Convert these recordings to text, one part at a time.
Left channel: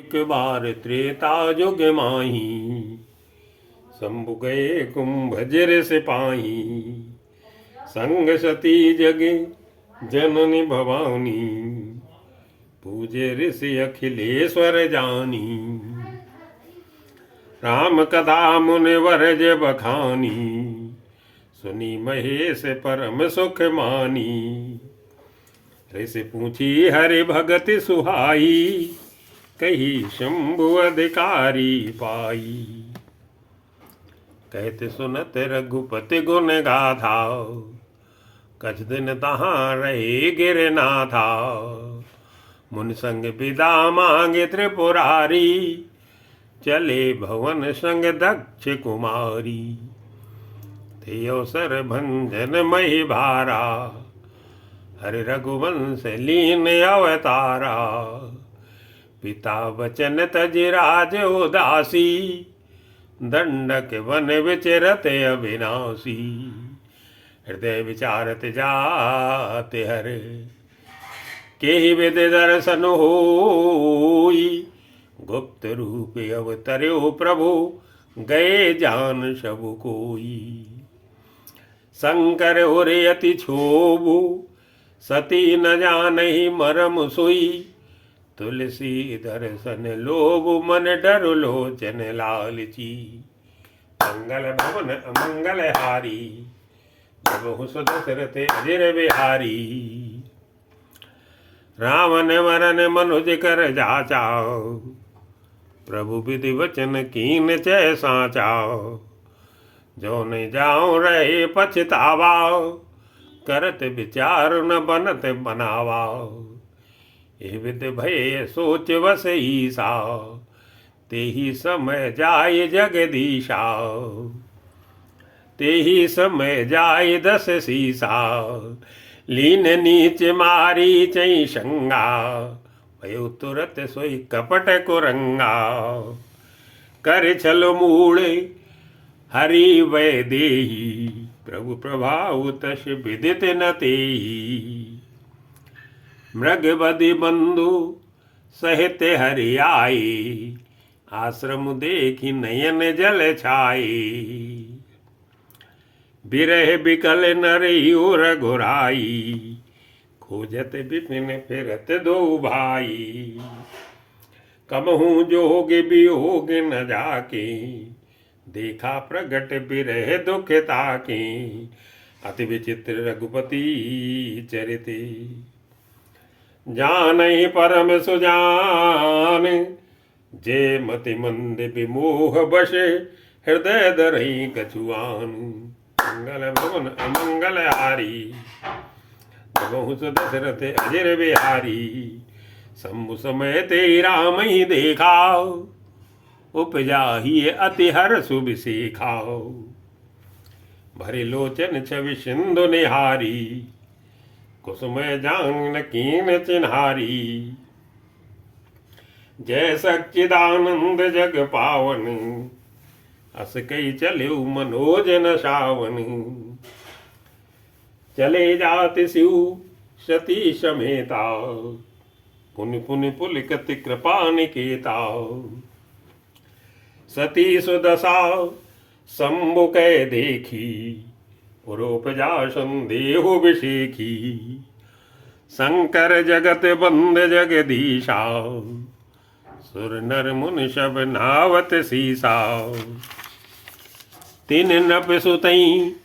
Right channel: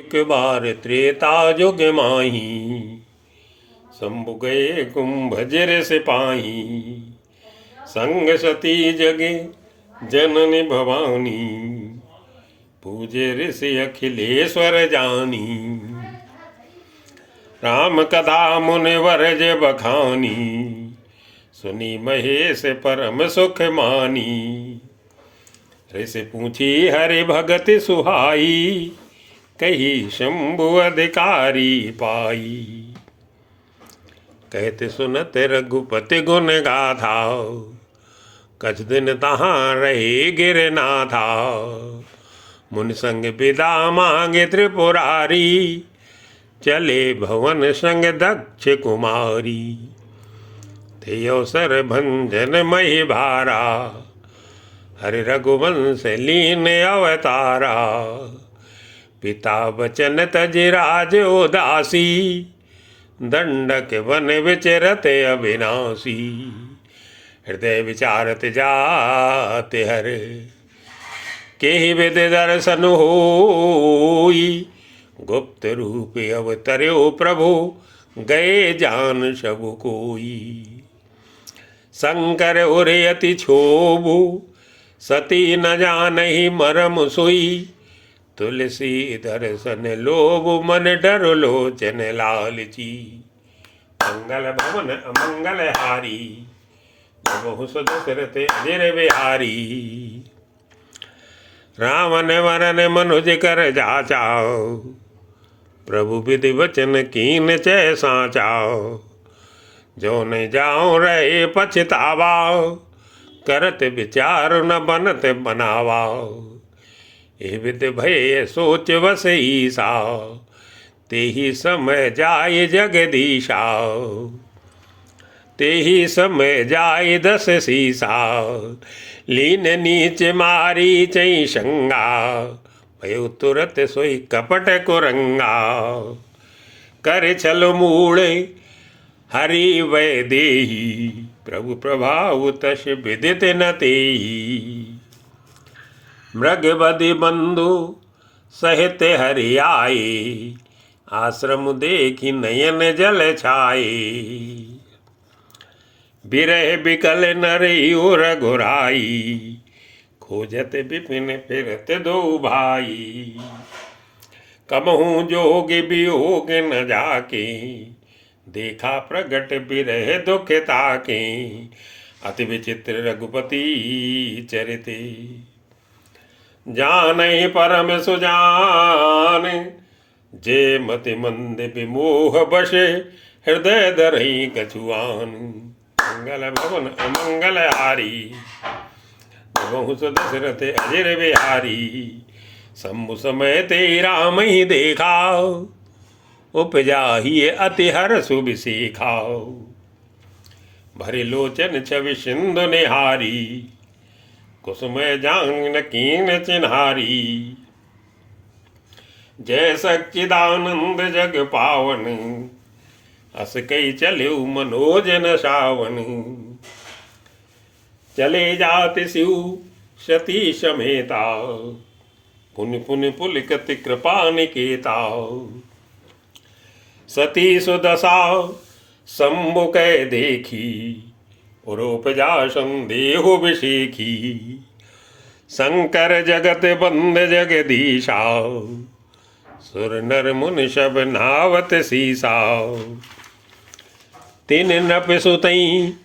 एक बार त्रेता जुग माही, शंभु गए कुंभ जर सिपाही। संग सती जगे जननी भवानी, पूजे ऋषि अखिलेश्वर जानी। राम कथा मुनिवर जे बखानी, सुनी महेश परम सुख मानी। ऋषि पूछी हरि भगत सुहाई, कही शंभु अधिकारी पाई। कहते सुनत रघुपति गुण गाथा, कछ दिन तहाँ रहे गिरनाथा। मुनि संग विदा मांगे त्रिपुरारी, चले भवन संग दक्ष कुमारी। थे अवसर भंजन मही भारा, हरि रघुवंश लीन अवतारा। पिता वचन तज राज उदासी, दंडक वन विचरत अविनाशी। हृदय विचारत जाते हर, केहि विद दर्शन होई। गुप्त रूप अवतर्यो प्रभु, गए जान सब कोई। शंकर उरे अति क्षोभु, सती न जानहि मरम सोई। तुलसी दर्शन लोभ मन डर लोचन लालची। मंगल भवन अमंगल हारी, बहु सुदशरथ अजर बिहारी। रावण वरन मनुज कर जाचाओ, प्रभु विधि वचन कीन चै साचाओ। जो न जाओ रहे पछतावा, करत विचार न बनत बनावा। ए विद भय सोच वस ईसा, तेहि समय जाय जगदीशा। तेहि समय जाय दस सीसा, लीन नीच मारी चई शंगा। भयो तुरत सोई कपट कुरंगा, कर छल मूले हरि वै देही। प्रभु प्रभाव तस विदित न तेहि। मृग बदि बंधु सहित हरि आए, आश्रम देखी नयन जल छाए। बिरह बिकल नर घुराई, खोजत विपिन फिरत दो भाई। कबहू जोग वियोग न जाके, देखा प्रगट बिरह दुख ताके। अति विचित्र रघुपति चरिते, जानै परम सुजान। जे मति मंद विमोह बशे, हृदय दरहि कछुआन। मंगल भवन अमंगल हारी, बहु सुदशरथ अजर बिहारी। शंभु समय ते राम ही देखा, उपजा ही अति हर्ष विसेखा। भरे लोचन छवि सिंधु निहारी, कुसुमय जांग कीन चिन्हारी। जय सच्चिदानंद जग पावन, अस कई चल्यु मनोजन सावन। चले जात शिव सती समेता, पुन पुन पुलकति कृपा निकेता। सती सुदशा शंभु कै देखी, पुरोपजा संदेहु विषेखी। शंकर जगत बंद जगदीशा, सुर नर मुनि सब नावत सीसा। तिन नप सुतई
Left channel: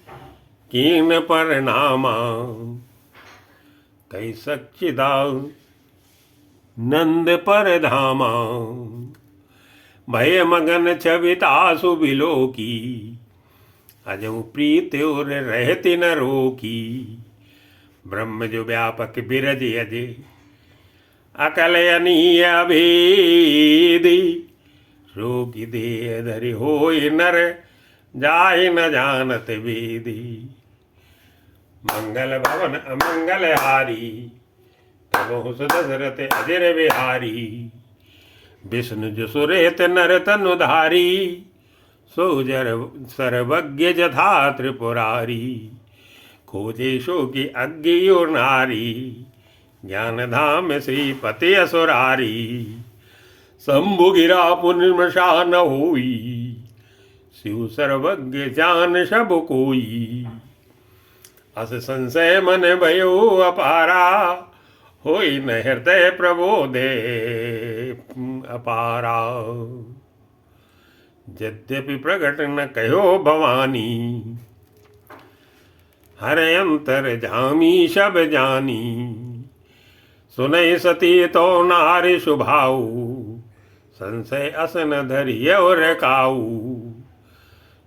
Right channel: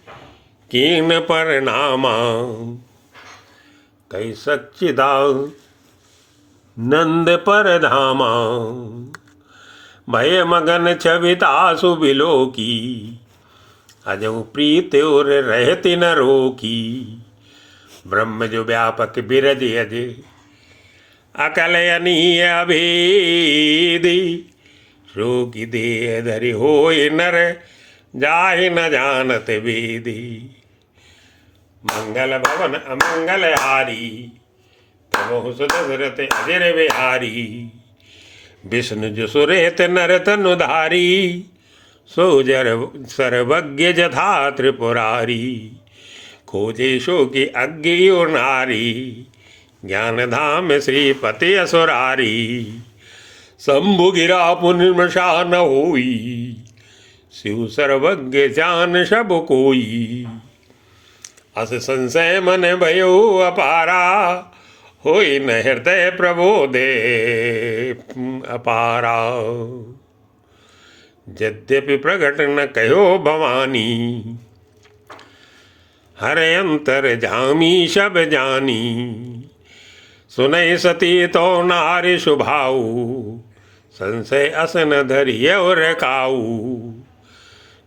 कीन परनामा, कई सच्चिदा नंद पर धामा। भय मगन छविता सुबिलो की, अजऊ प्रीत और रहती न रोकी। ब्रह्म जो व्यापक बिरज अज, अकल अनीय अभेदी। रोगी देह धरि होय नर, जाय न जानत वेदी। मंगल भवन अमंगल हारी, प्रभु सुदशरथ अजर बिहारी। विष्णु जो सुरेत नर तनुधारी, सोजर सर्वज्ञ जथा त्रिपुरारी। खोजे शो की अज्ञ और नारी, ज्ञान धाम श्रीपति असुरारी। शंभु गिरा पुनर्मशा न होई, शिव सर्वज्ञ जान सब कोई। अस संशय मन भयो अपारा, होई न हृदय प्रबोधे अपारा। यद्यपि प्रगट न कहो भवानी, हरे अंतर जामी सब जानी। सुनय सती तो नारी शुभाऊ, संशय असन धरिय और काऊ।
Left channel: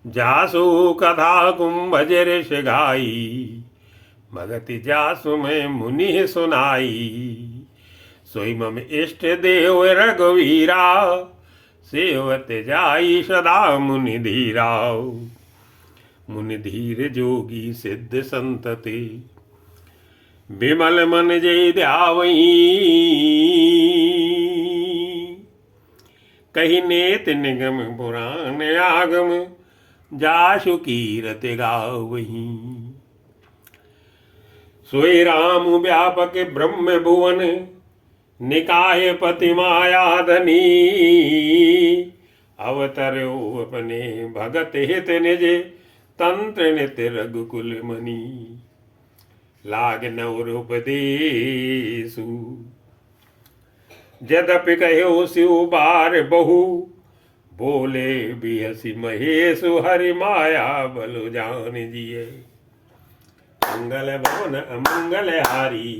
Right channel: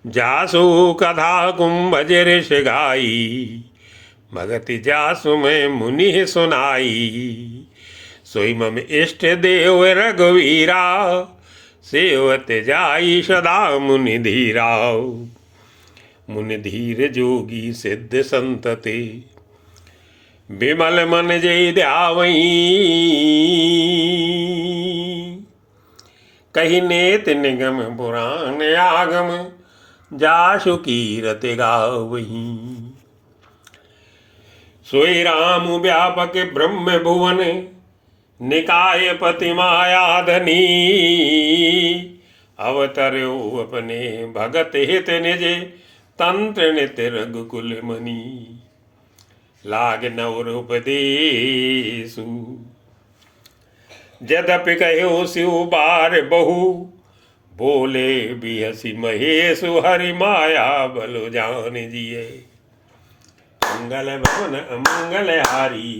जासु कथा कुंभज ऋष गाई, भगति जासु में मुनि सुनाई। सोई मम इष्ट देव रघुवीरा, सेवत जाई सदा मुनि धीरा। मुनि धीर जोगी सिद्ध संतते, विमल मन जय ध्यावई। कही नेत निगम पुराण आगम, जासु कीरत गावही। सोई राम व्यापक ब्रह्म भुवन, निकाय पति माया धनी। अवतर्यो अपने भगत हित निज, तंत्र नित्य रघुकुल मणि। लाग नवरूपदेशु, यद्यपि कहो शिव बार बहु। बोले बिहसी महेशु, हरि माया बल जान जिये। मंगल भवन अमंगल हारी,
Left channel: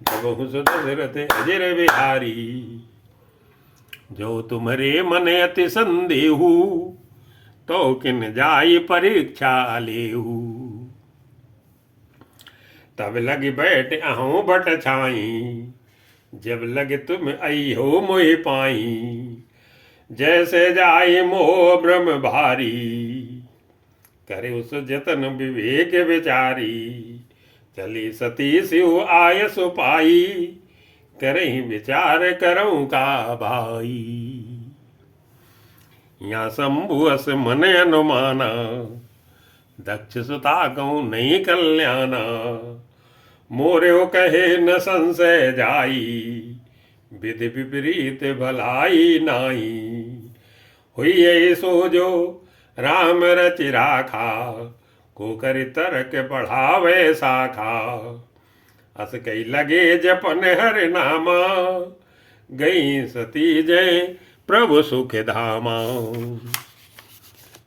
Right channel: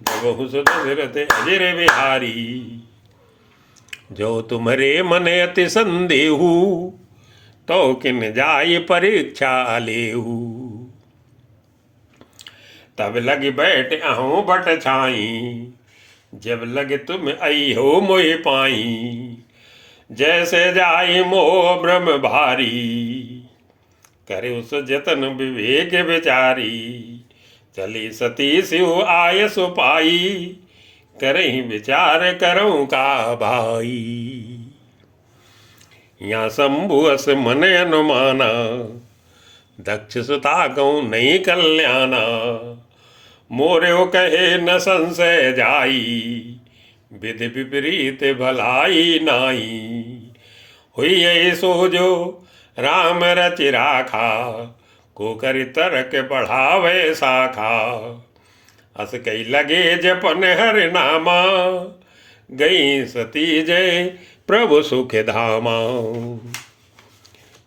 जबहु सुत दशरथ अजर बिहारी। जो तुम्हारे मन अति संदेहु, तो किन जाय परीक्षा लेहु। तब लग बैठ अहों बट छाई, जब लगे तुम आई हो मोहि पाई। जैसे जाय मोह ब्रह्म भारी, करे उस जतन विवेक विचारी। चली सती शिव आय सुपाई, करहि विचार करऊं का भाई। या शंभु अस मन अनुमाना, दक्ष सुता गौ नहीं कल्याणा। मोर्यो कहे न संशय जाई, विधि विपरीत भलाई नाई। हुई सो जो राम रचि राखा, को कर तर्क बढ़ावे शाखा। अस कई लगे जपन हर नामा, गई सती जय प्रभु सुख धामा।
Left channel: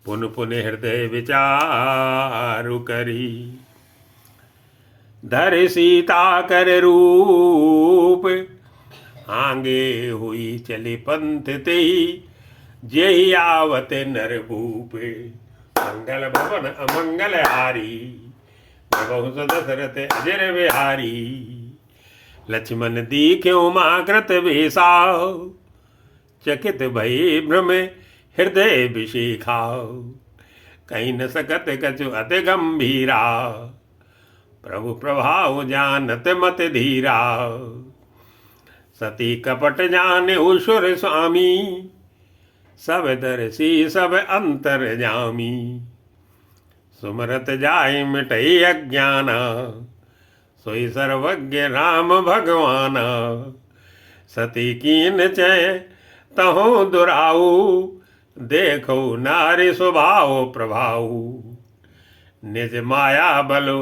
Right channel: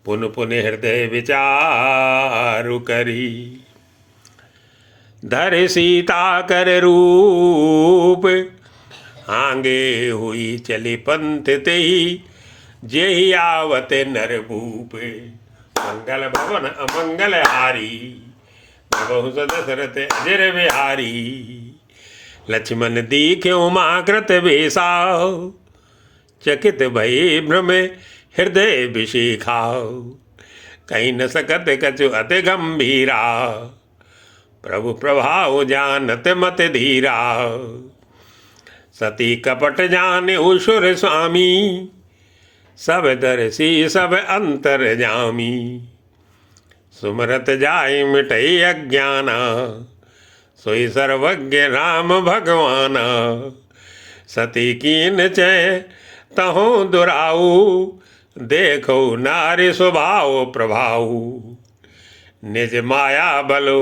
पुन पुन हृदय विचारु करी, धर सीता कर रूप। आगे हुई चली पंथ तेई, जेहि आवत नर भूप। मंगल भवन अमंगल हारी, बहु दशरथ अजर बिहारी। लक्ष्मण दीख्यो माकृत वेशा, चकित भई भ्रम हृदय विशिखा। कहीं न सकत कछु अति गंभीरा, प्रभु प्रभाव जानत मत धीरा। सती कपट जाने उसुर स्वामी, सब दर्शी सब अंतर जामी। सुमरत जाय मिटई अज्ञाना, सोई सर्वज्ञ राम भगवाना। सती कीन चय तहो दुराऊ, देखो नारी स्वभाव प्रभाव। निज माया बलो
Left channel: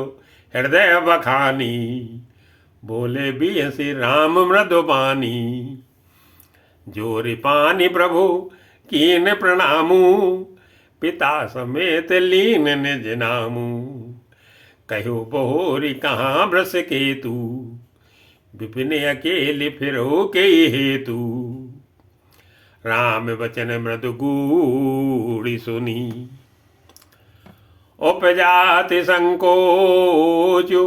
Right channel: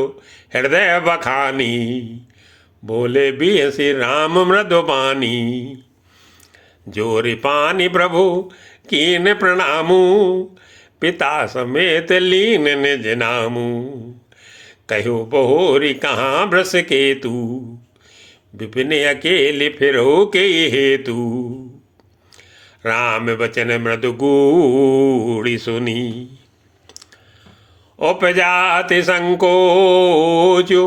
हृदय बखानी, बोले भी श्री राम मृदुबानी। जोरि पानी प्रभु कीन प्रणामू, पिता समेत लीन निज नामू। कहो बहोरी कहाँ भ्रस केतु, विपिन अकेले फिरो के हेतु। राम वचन मृदु गूढ़ी सुनी, उपजाति संकोचु।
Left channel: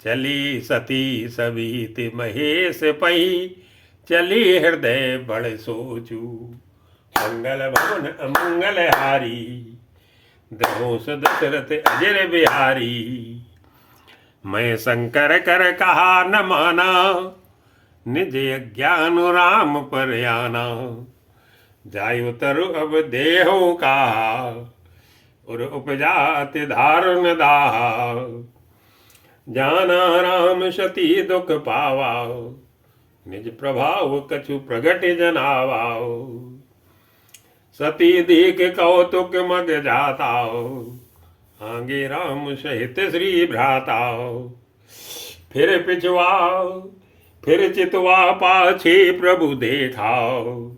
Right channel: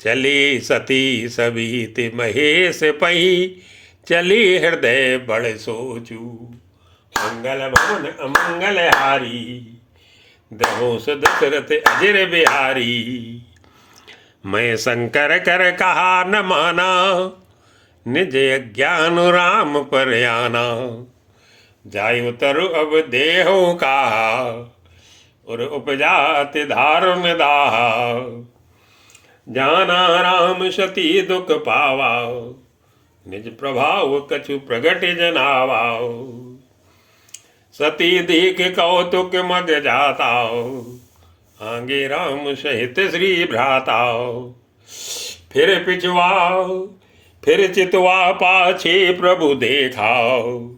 चली सती सबीति महेश पही, चली हृदय बड़ सोचू। मंगल भवन अमंगल हारी, दहोस दशरथ अजर बिहारी। मैं शंकर कर कहा न माना, निज अज्ञान राम पर आना। जायो तरु अब देहो कहा, और उपजाति धारुन दाहा। जाना राम सती दुख पावा, निज प्रभाव कछु प्रगट जनावाओ। सती देख कौतुक मग जाताओ, आगे राम सहित श्री भ्राताओ। फिर पिछवाओ फिर चितवा पाछे प्रभु देखाओ,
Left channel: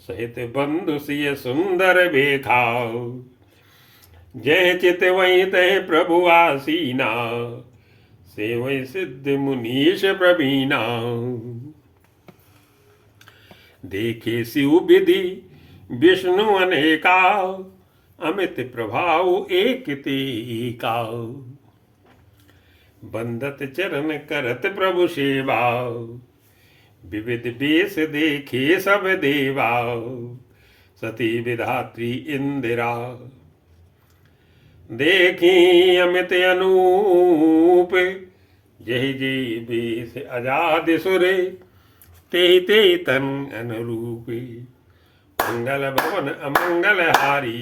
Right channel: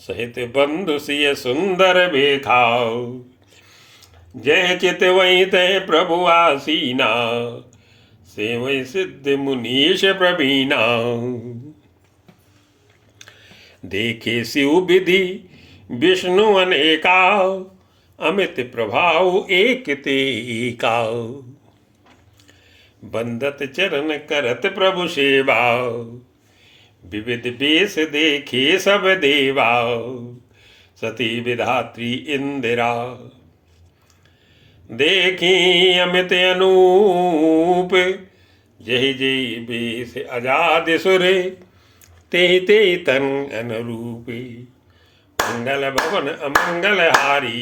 सहित बंधु सिय सुंदर बेखाओ। जय चित वही तय प्रभु आसीना, सेवै सिद्ध मुनीश प्रवीणा। देखे शिव विधि विष्णु अनेका, अमित प्रभाव एक ते एका। बंदत चरण करत प्रभु सेवा, विविध वेश देखे सब देवा। सती विधात्री इंदिरा, देखी अमित अनूप। जय जय वेश आजाद सुर, ते ते तन अनुरूपे। मंगल भवन अमंगल हारी,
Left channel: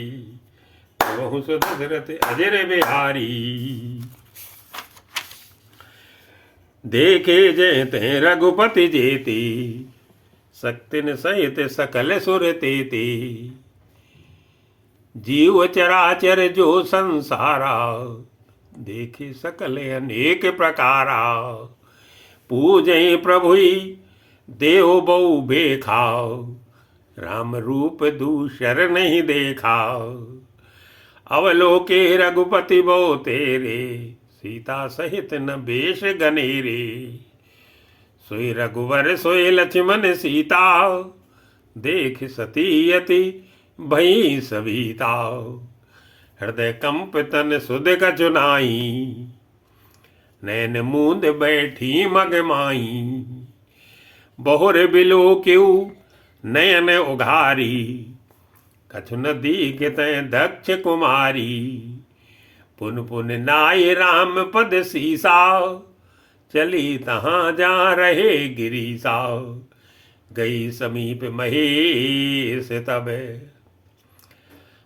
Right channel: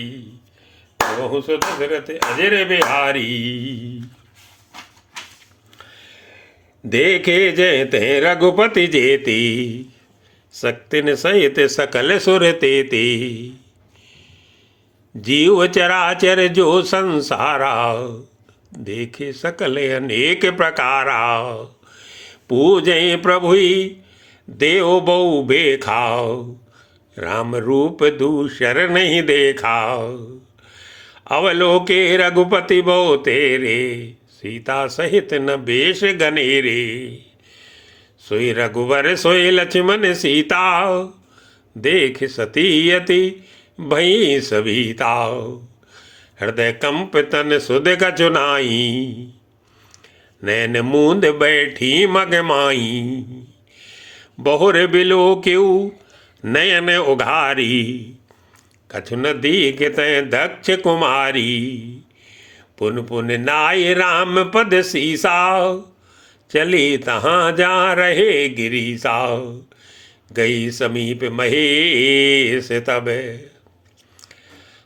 बहु सुदशरथ अजर बिहारी। देखे जय ते रघुपति जेते, शक्तिन सहित सकल सुर तेते। जीव चराचर जो संसारा, देखे सकल अनेक प्रकारा। पूजय प्रभु देव बहु बेखाओ, राम रूप दूसर नहीं देखा। अवलोके रघुपति बहु तेरे, सीता सहित न बेश गनेरे। सोई रघुवर सोई लक्ष्मण सीता, देख सती यति भई सविता। हृदय कंप तन सुध कछुनाई, नैन मूंद बैठी मगमाई। बहुर बिलो क्यों नयन उघारी, कछु न दीख तय दक्ष कुमारी। पुन पुन नाय राम पद सीसा, चली तहाँ जा रहे गिरीसा। गई समीप महेश तब,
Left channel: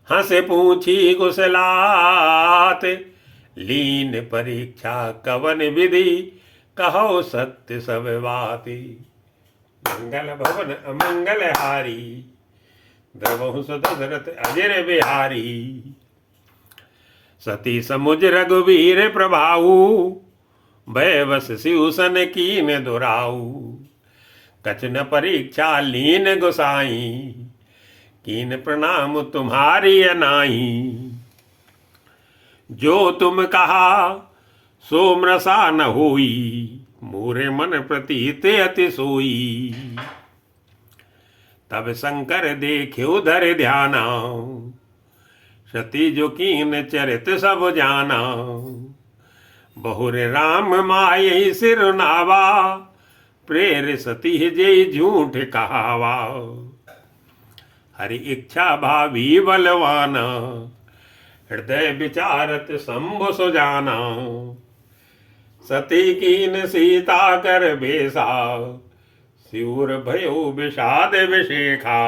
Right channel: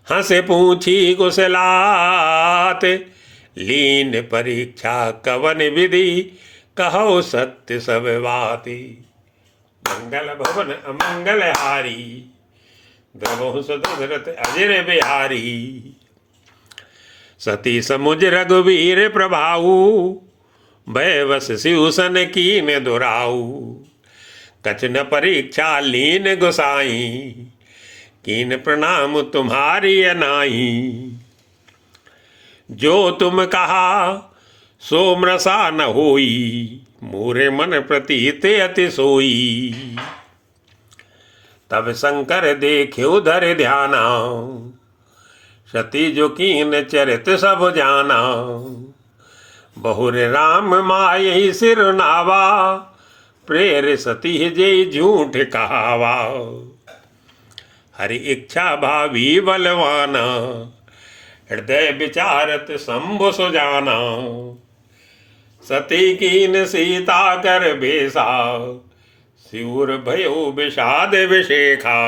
हंसे पूछी कुशलात। लीन परीक्षा कवन विधि, कहो सत्य सब बाती। मंगल भवन अमंगल हारी, द्रवहु दशरथ अजर बिहारी। सती समुझ रघुवीर प्रभाऊ, भय वश शिवसन कीन दुराऊ। कछ न परीक्षा लीन गोसाई, कीन प्रणाम तुम्हारी अनाई। जो तुम कहा सो मृषा न होई, मोरे मन प्रतीत अति सोई। तब शंकर देख्यो धर ध्याना, सती जो कीन चरित सब जाना। बहुर राम माय सिर नावा, प्रेर सती जय झूठ कहावा। हरि इच्छा भावी बलवाना, हृदय विचारत शंभु सुजाना। सती कीन सीता कर बेसा, सिउर भयो विषाद विशेखा।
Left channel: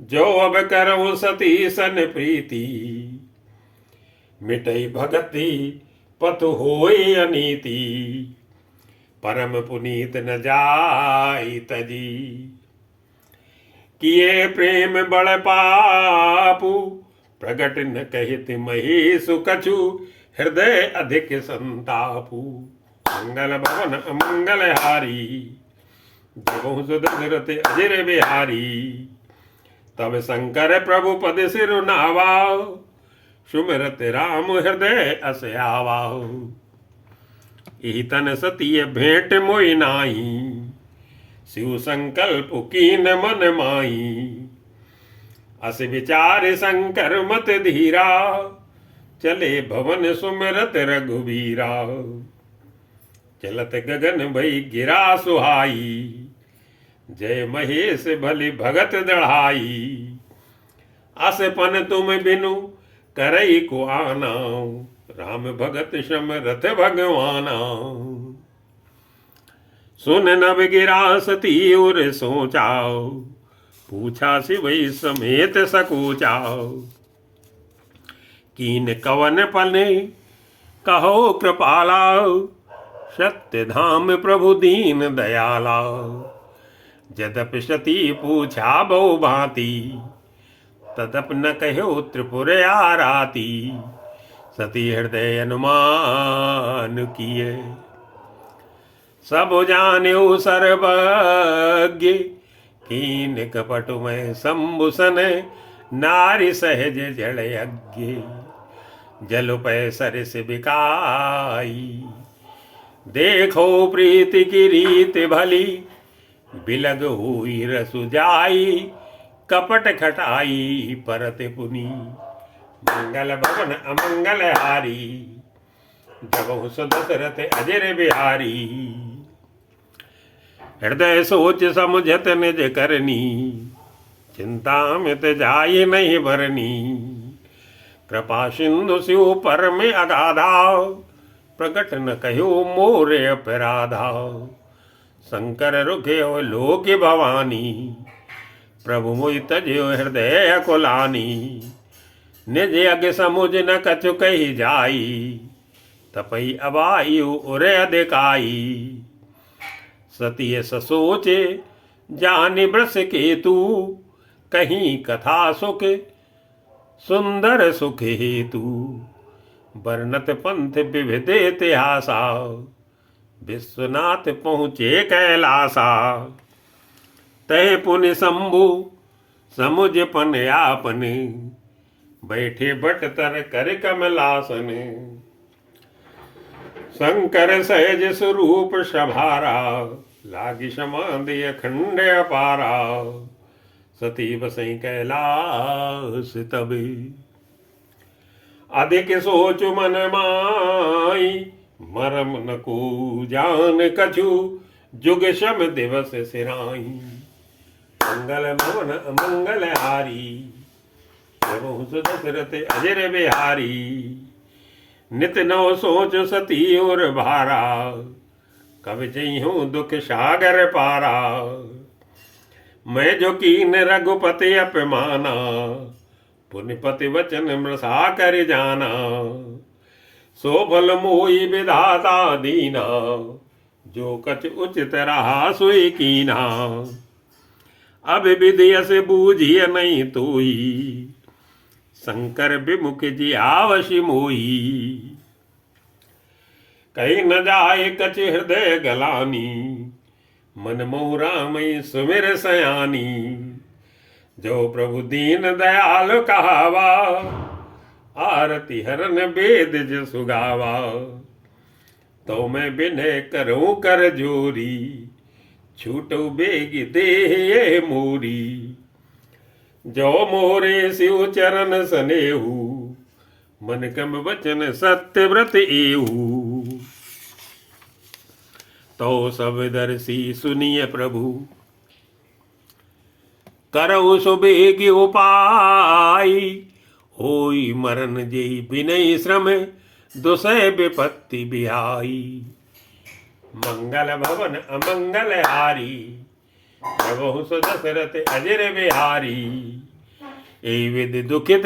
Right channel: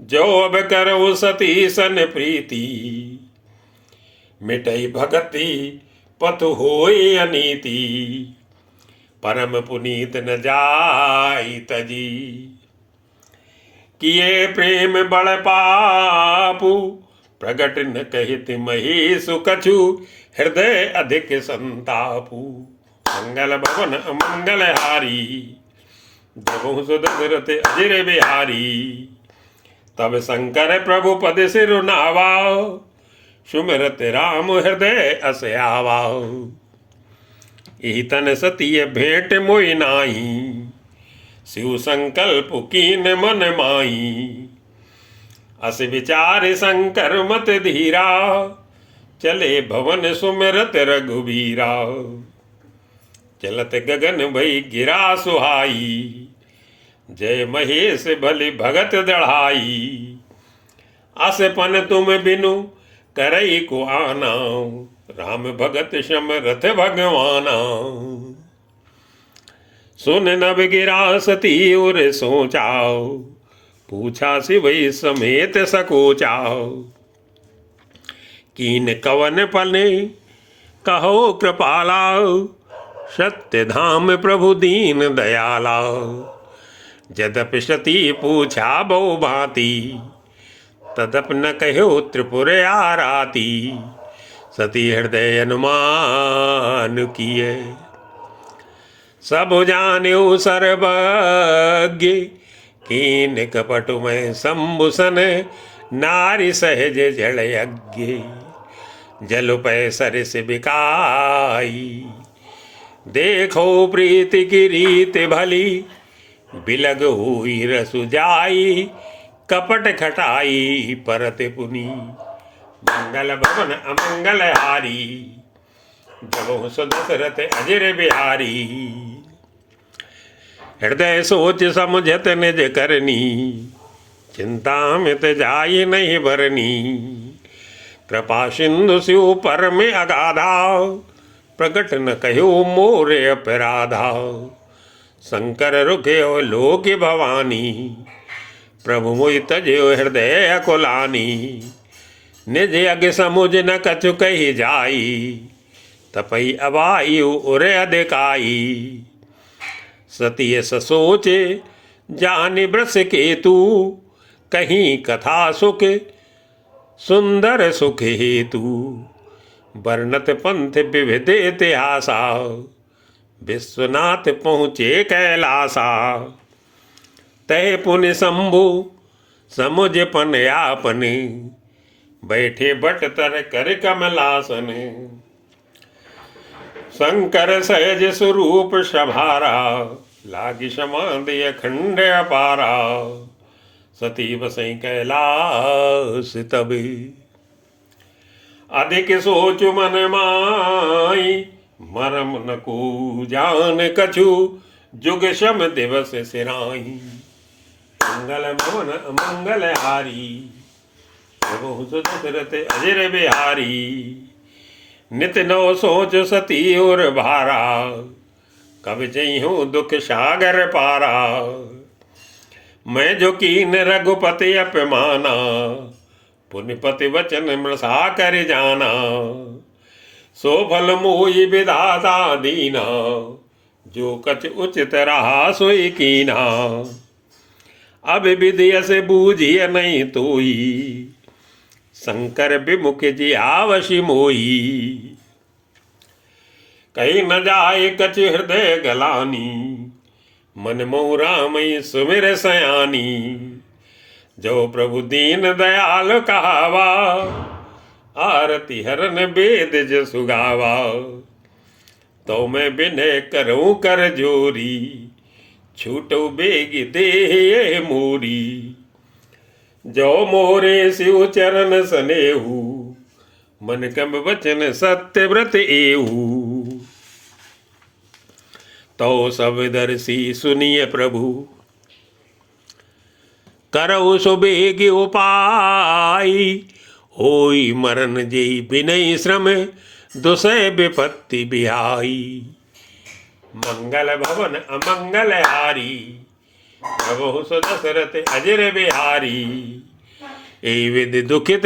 जो अब करऊ सती सन प्रीति, मिटई भगति पतु होई अनीति। परम पुनीत न जाई तजी, किए प्रेम बड़ पापू। प्रगट न कहित महेशु कछु, हृदय अधिक संतापू। मंगल भवन अमंगल हारी, द्रवहु दशरथ अजर बिहारी। तब शंकर प्रभु पद सिर नावा, सुमिरत राम हृदय अस आवा। यही तन सतीय भेंट मोहि नाई, शिव संकल्प कीन मन माई। अस विचार शंकर मत धीरा, चले भवन सुमिरत रघुवीरा। चलत गगन भई गिरा सुहाई, जय महेश भली भगत दढ़ाई। अस पन तुम बिनु करई को आना, राम भगत समरथ भगवाना। सुन नभ गिरा सती उर सोचाओ, पूछा शिवई समेत सकोचाओ। कीन कवन पने कहो कृपाला, सत्य धाम प्रभु दीन दयाला, यद्यपि सती पूछा बहु भांति, तदप न कहो त्रिपुर आराती। सती हृदय अनुमान किए, सब जान्यो सर्वज्ञ, कीन कपट में शंभुसन, नारी सहज जड़ यज्ञ। जल पै सरस बिकाई, देखो प्रीति की रीत भली, बिलग हुई रसु जाई, कपट खटाई परत पुनी। मंगल भवन अमंगल हारी, जगो सो दशरथ अजर बिहारी। हृदय सोच समझत निज करनी, चिंता मित जाय नहीं भरनी। कृपा सिंधु शिव पर में अगाधा, प्रकट न कहो मोरे अपराधा। शंकर रुखे लोक भवानी, प्रभु मोहि तजो हृदय कुलानी। निज अग समुझ न कछु कही जाई, तपई अबायु उरे अधिकाई। सती ससोचे जानि ब्रस केतु, कहीं कथा सुख सुंदर सुख हेतु। वर्णत पंथ विविध इतिहासा, विश्वनाथ पहुँचे कैलासा। तय पुण्य शंभु समुझ पन आपने, बैठे बट तर कर कमलासन। शंकर सहज स्वरूप सभारा, लागी समाधि अखंड अपारा। सती बसई कैलाश तभी, अधिक सोच मन माई। मरम न को जान कछु, जुग शम दिवस सिराई। मंगल भवन अमंगल हारी, प्रभु दशरथ अजर बिहारी। नित नव सोच सती और भारा, कब जइहूँ दुख सागर पारा। मैं जो कीन रघुपति अपमाना, पुण्यपति वचन मृषा कर जाना। सो फल मोहि विधाता दीना, जो कछ उचित रहा सोई कीना। अब विधि से बूझिय नहीं तोई, शंकर विमुख जी आवशी मोई। कहीं न जाए कछ हृदय गलानी, मन मोह रामई सुमिर सयानी। जो प्रभु दीन दयाल कहावा, आरती हरन वेद जसु गावा। तो मैं विनय करूं कर जोरी, छूटो बेग दे मोरी। जो मोरे शिव चरण सनेहू, मन कम वचन सत्य व्रत एहू। तो सब दर्शी सुनिय प्रभु, करऊ सुबेग उपाय। होई मरण जेई बिनय श्रम, दुसै विपत्ति बिहाई। मंगल भवन अमंगल हारी, प्रभु सो दशरथ अजर बिहारी। ए विद दुखित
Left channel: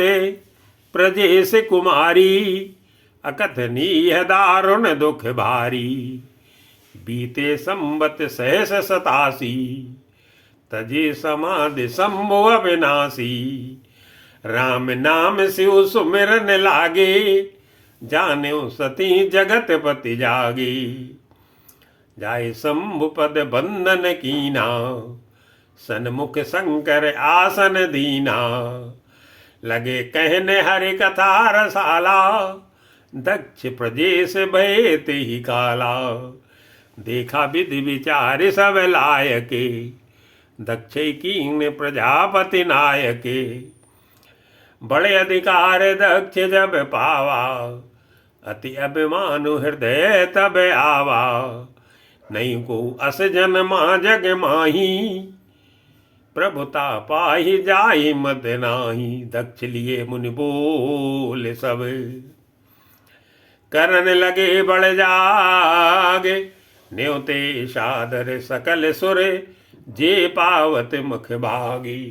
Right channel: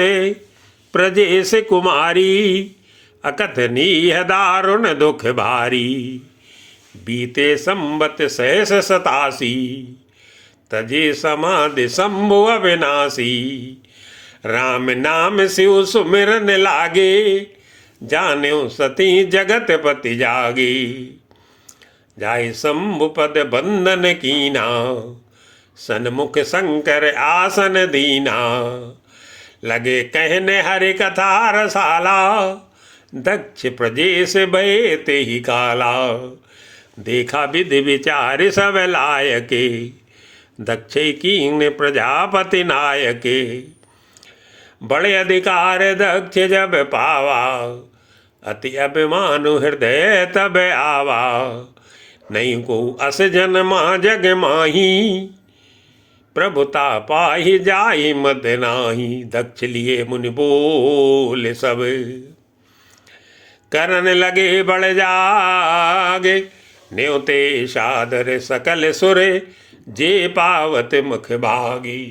प्रजेश कुमारी, अकथनीय दारुण दुख भारी। बीते संबत सहस 87, तजे समाधि शंभु अविनाशी। राम नाम शिव सुमिरन लागे, जान्यो सती जगत पति जागे। जाय शंभु पद बंधन कीना, सन्मुख शंकर आसन दीना। लगे कहने हरि कथा रसाला, दक्ष प्रजेश भय ते ही काला। देखा विधि विचार सब लायके, दक्ष कीन प्रजापति नायके। बड़े अधिकार दक्ष जब पावा, अति अभिमानु हृदय तब आवा। नहीं को अस जन्मा जग माही, प्रभुता पाही जाई मत नाही। दक्ष लिए मुनि बोले सब, करन लगे बड़ जागे। न्योते सादर सकल सुरे, जे पावत मुख भागी।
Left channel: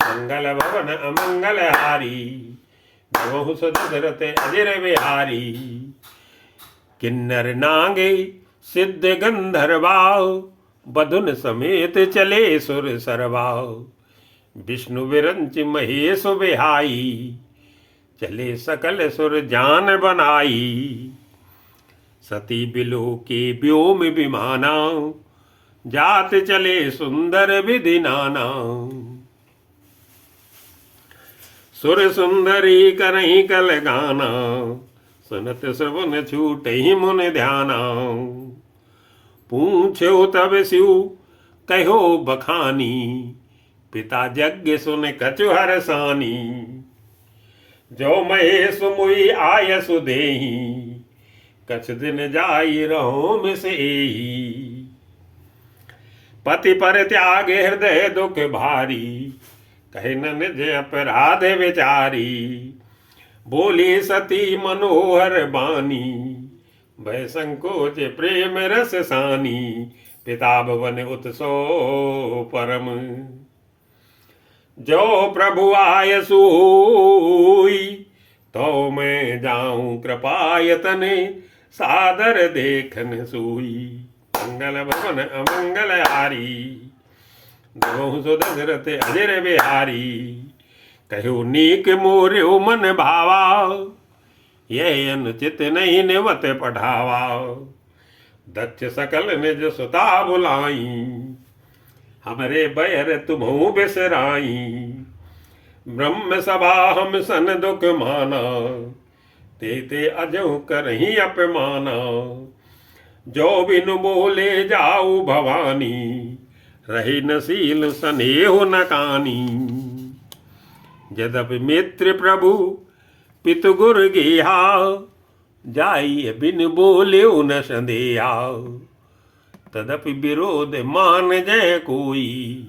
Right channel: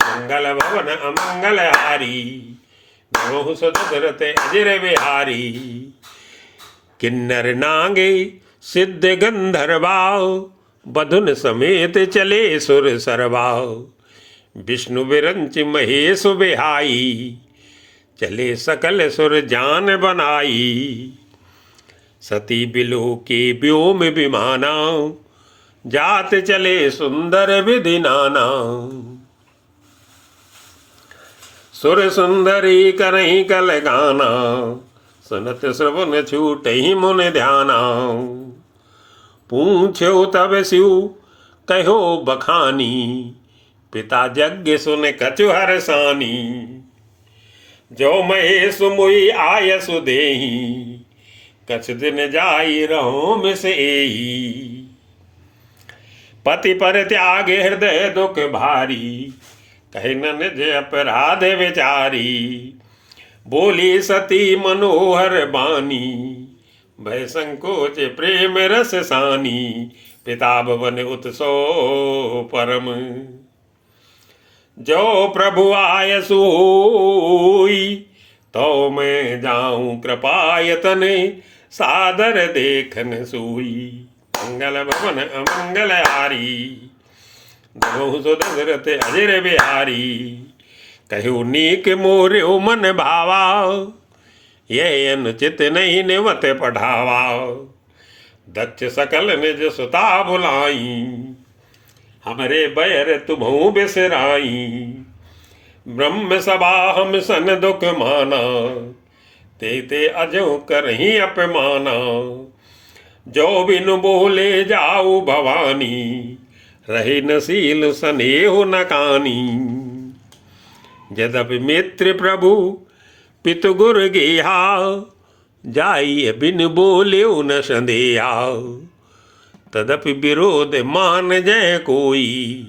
मंगल भवन अमंगल हारी, बहु सो दशरथ अजर बिहारी। किन्नर नागे सिद्ध गंधर्वाओ, बधुन समेत चले सुर सरवाओ। विष्णु विरंच महेश बिहाई, चले सकल सुर जान बनाई। सती बिलो के व्योम विमाना, जात चले सुंदर विधि नाना। सुर सुंदरी करही कल गाना, सुनत श्रवण छूट ही मुन ध्याना। पूछो तब शिव कहो बखानी, पिता यज्ञ सुन कछु हरसानी। जो महेश मुई आयस देही, कछ दिन जाई रहो मिस एही। पति पर त्यागे हृदय दुख भारी, कही न निज अपराध विचारी। बोली सती मनोहर बानी, भय संकोच प्रेम रस सानी। पिता भवन उत्सव परम, जो प्रभु आय सोई। तो मैं जाऊं कृपायतन, सादर देखन सोई। मंगल भवन अमंगल हारी, द्रोह सो दशरथ अजर बिहारी। कहो नीक मोर्यो मन भावा, ये अनुचित नहीं निवत पढ़ावा। दक्ष सकल निज सुता बुलाई, हमरे बैर तुम्हु बिसराई। ब्रह्म सभा हम सन दुख माना, ते अजो करही अपमाना। जो बिनु बोले जाऊ भवानी, रहे नसील स्नेह न कानी। यद्यपि मित्र प्रभु पितु गुर गेहा, जाई बिन बोले न संदेहा। तदपि विरोध मान जय कोई,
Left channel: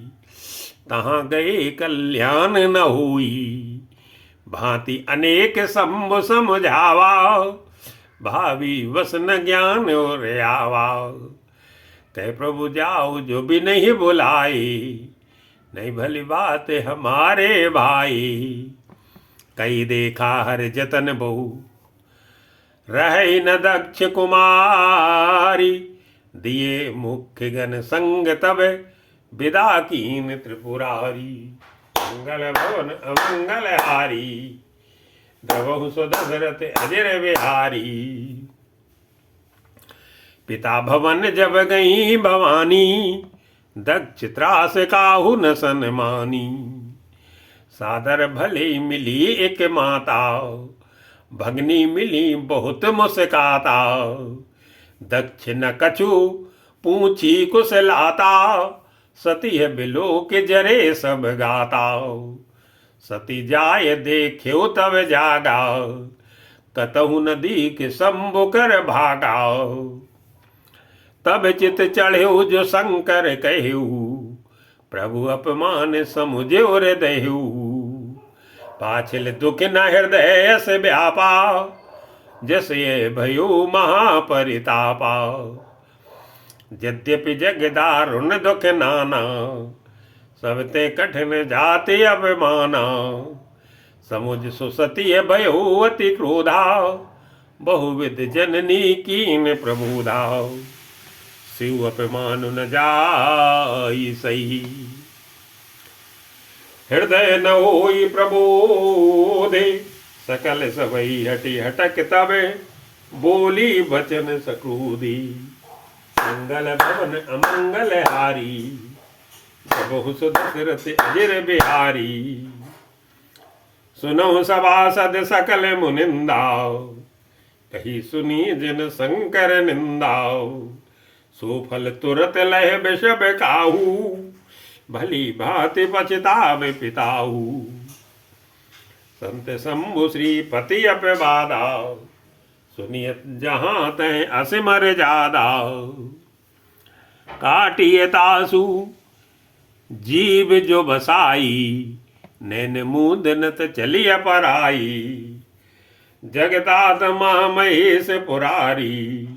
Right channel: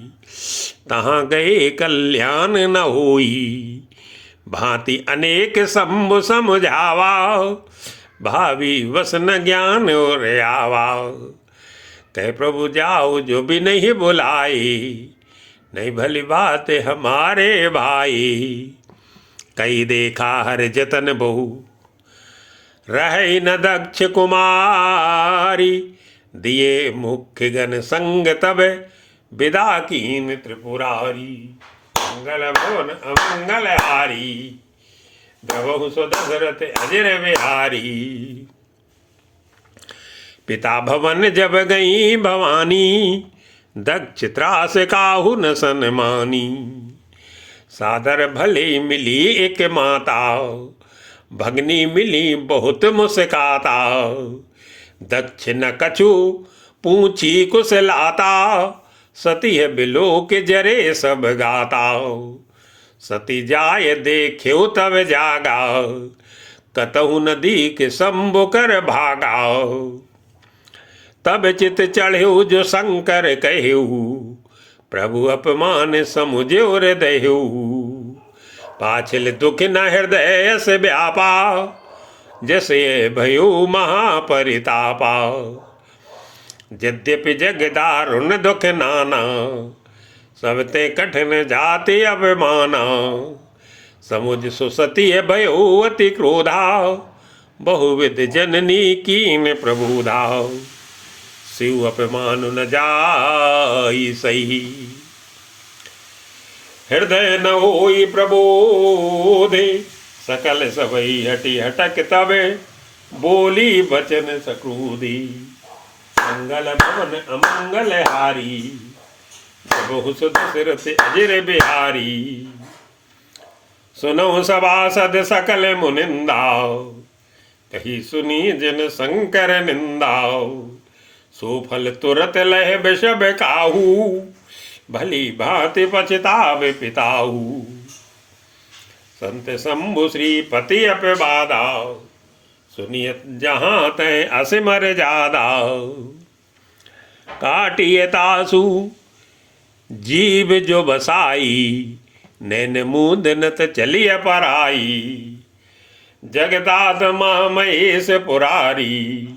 तहाँ गए कल्याण न होई। भांति अनेक सम्भ समझावा, भावी वसन ज्ञान और आवा। कह प्रभु जाओ जो भी नहीं बुलाए, नहीं भली बात हमारे भाई। कई देखा हर जतन बहु, रहे न दक्ष कुमारी। दिए मुख्य गण संग तब, विदा कीन त्रिपुरारी। मंगल भवन अमंगल हारी, द्रवहु सो दशरथ अजर बिहारी। पिता भवन जब गई भवानी, दक्ष त्रास काहु न सन्मानी। सादर भले मिली एक माता, भगनी मिली बहुत मुस्काता। दक्ष न कछु पूछी कुशलाता, सती है बिलो के जरे सब गाता। सती जाय देख्यो तब जागा, कतहु नदी के शंभु कर भागा। तब चित चढ़्यो जो शंकर कह्यू, प्रभु अपमान समुझ्यो हृदयु। पाछल दुख न हृदय से व्यापा, जैसे भयो महापरितापा। यद्यपि जग दारुण दुख नाना, सबते कठिन जाति अभिमाना। समुझ सुसती भयो अति क्रोधा, बहुविध जननी कीन प्रबोधा। शिव अपमान न जाई सही, हृदय न होई प्रबोधे। सकल सबई हटी हटक तबे, बोली बचन सक्रोधी। मंगल भवन अमंगल हारी, बहु दशरथ अजर बिहारी। सुनो सभासद सकल मुनिंदा, कही सुनी जिन शंकर निंदा। सो फल तुरत लह विषब काहू, भली भांति पछतावे पिताहू। संत शंभु श्रीपति अपवादा, सुनियत जहाँ तय असमर जादा। काटिय तासु जीव जो बसाई, नैन मूदनत चलिय पराई। जगदात महामहेश पुरारी,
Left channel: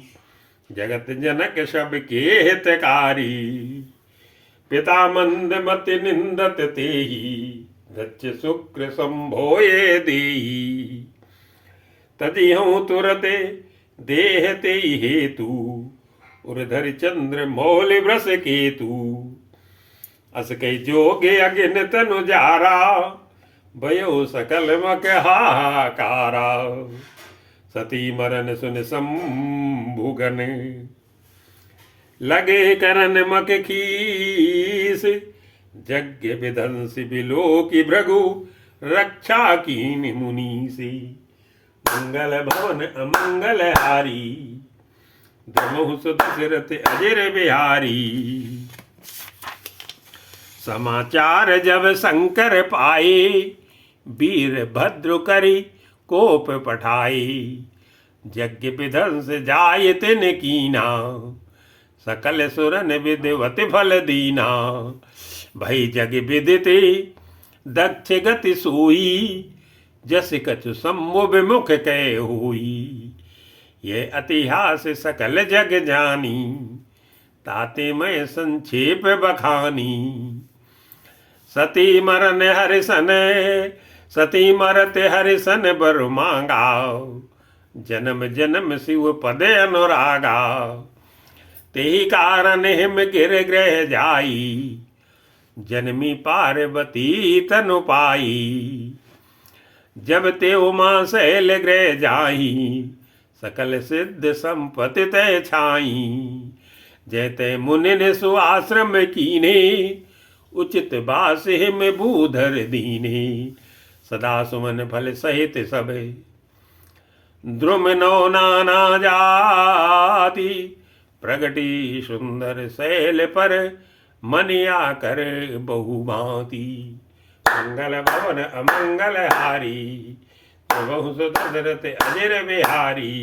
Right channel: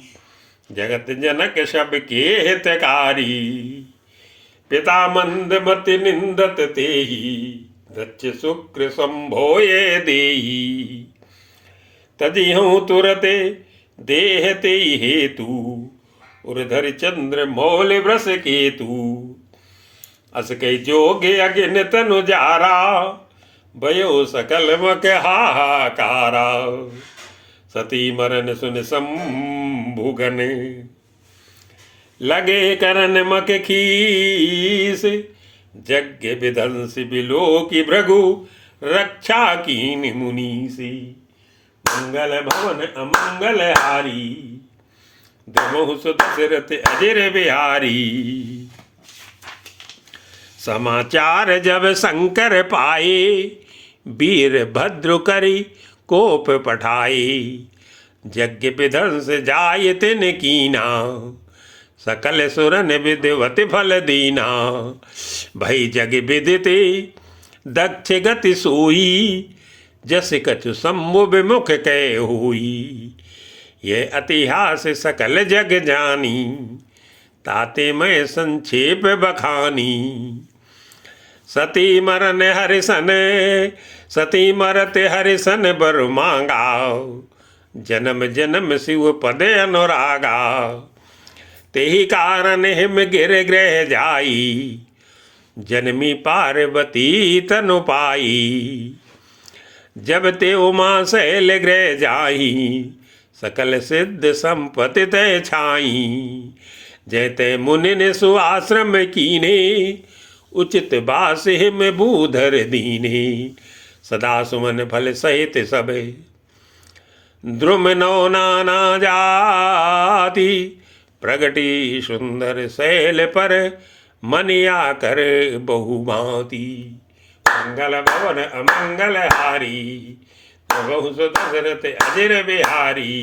जगत जनक सब के हितकारी। पिता मंद मति निंदत तेहि, दक्ष शुक्र संभोये देहि। तदिहूँ तुरते देह ते हेतु उर्धर चंद्र मौल व्रस केतु अस कई जोगे अगिन तनु जारा भयो सकल मक हाहाकारा सती मरन सुन संभुगन लगे करन मक खीस यज्ञ विध्वंस बिलो की भृगु रक्षा कीन मुनीसी मंगल भवन अमंगल हारी द्रमहु सुदशरथ अजर बिहारी समाचार जब शंकर पाए वीर भद्र करी कोप पठाए यज्ञ विध्वंस जाय तिन कीना सकल सुरन विधिवत फल दीना भई जग विदिते दक्ष गति सोई जस कछु सम्मु विमुख कह हुई ये इतिहास सकल जग जानी ताते मैं संक्षेप बखानी सती मरन हरिसन सती मरत हरिसन बर मांगा जन्म जन्म शिव पद अनुरागा तेहि कारण हिम गिर ग्रह जाई जन्मी पार्वती तनु पाई जब ते उमा शैल ग्रह जाई सकल सिद्ध संपत्ति तय छाई जैते मुनि सुआश्रम कीने उचित बास हिम भूधर दीने सदा सुमन फल सहित सब द्रुम नौ नाना जाति प्रगटी सुंदर शैल पर मनिया कर बहुभांति मंगल भवन अमंगल हारी प्रभु दशरथ अजर बिहारी।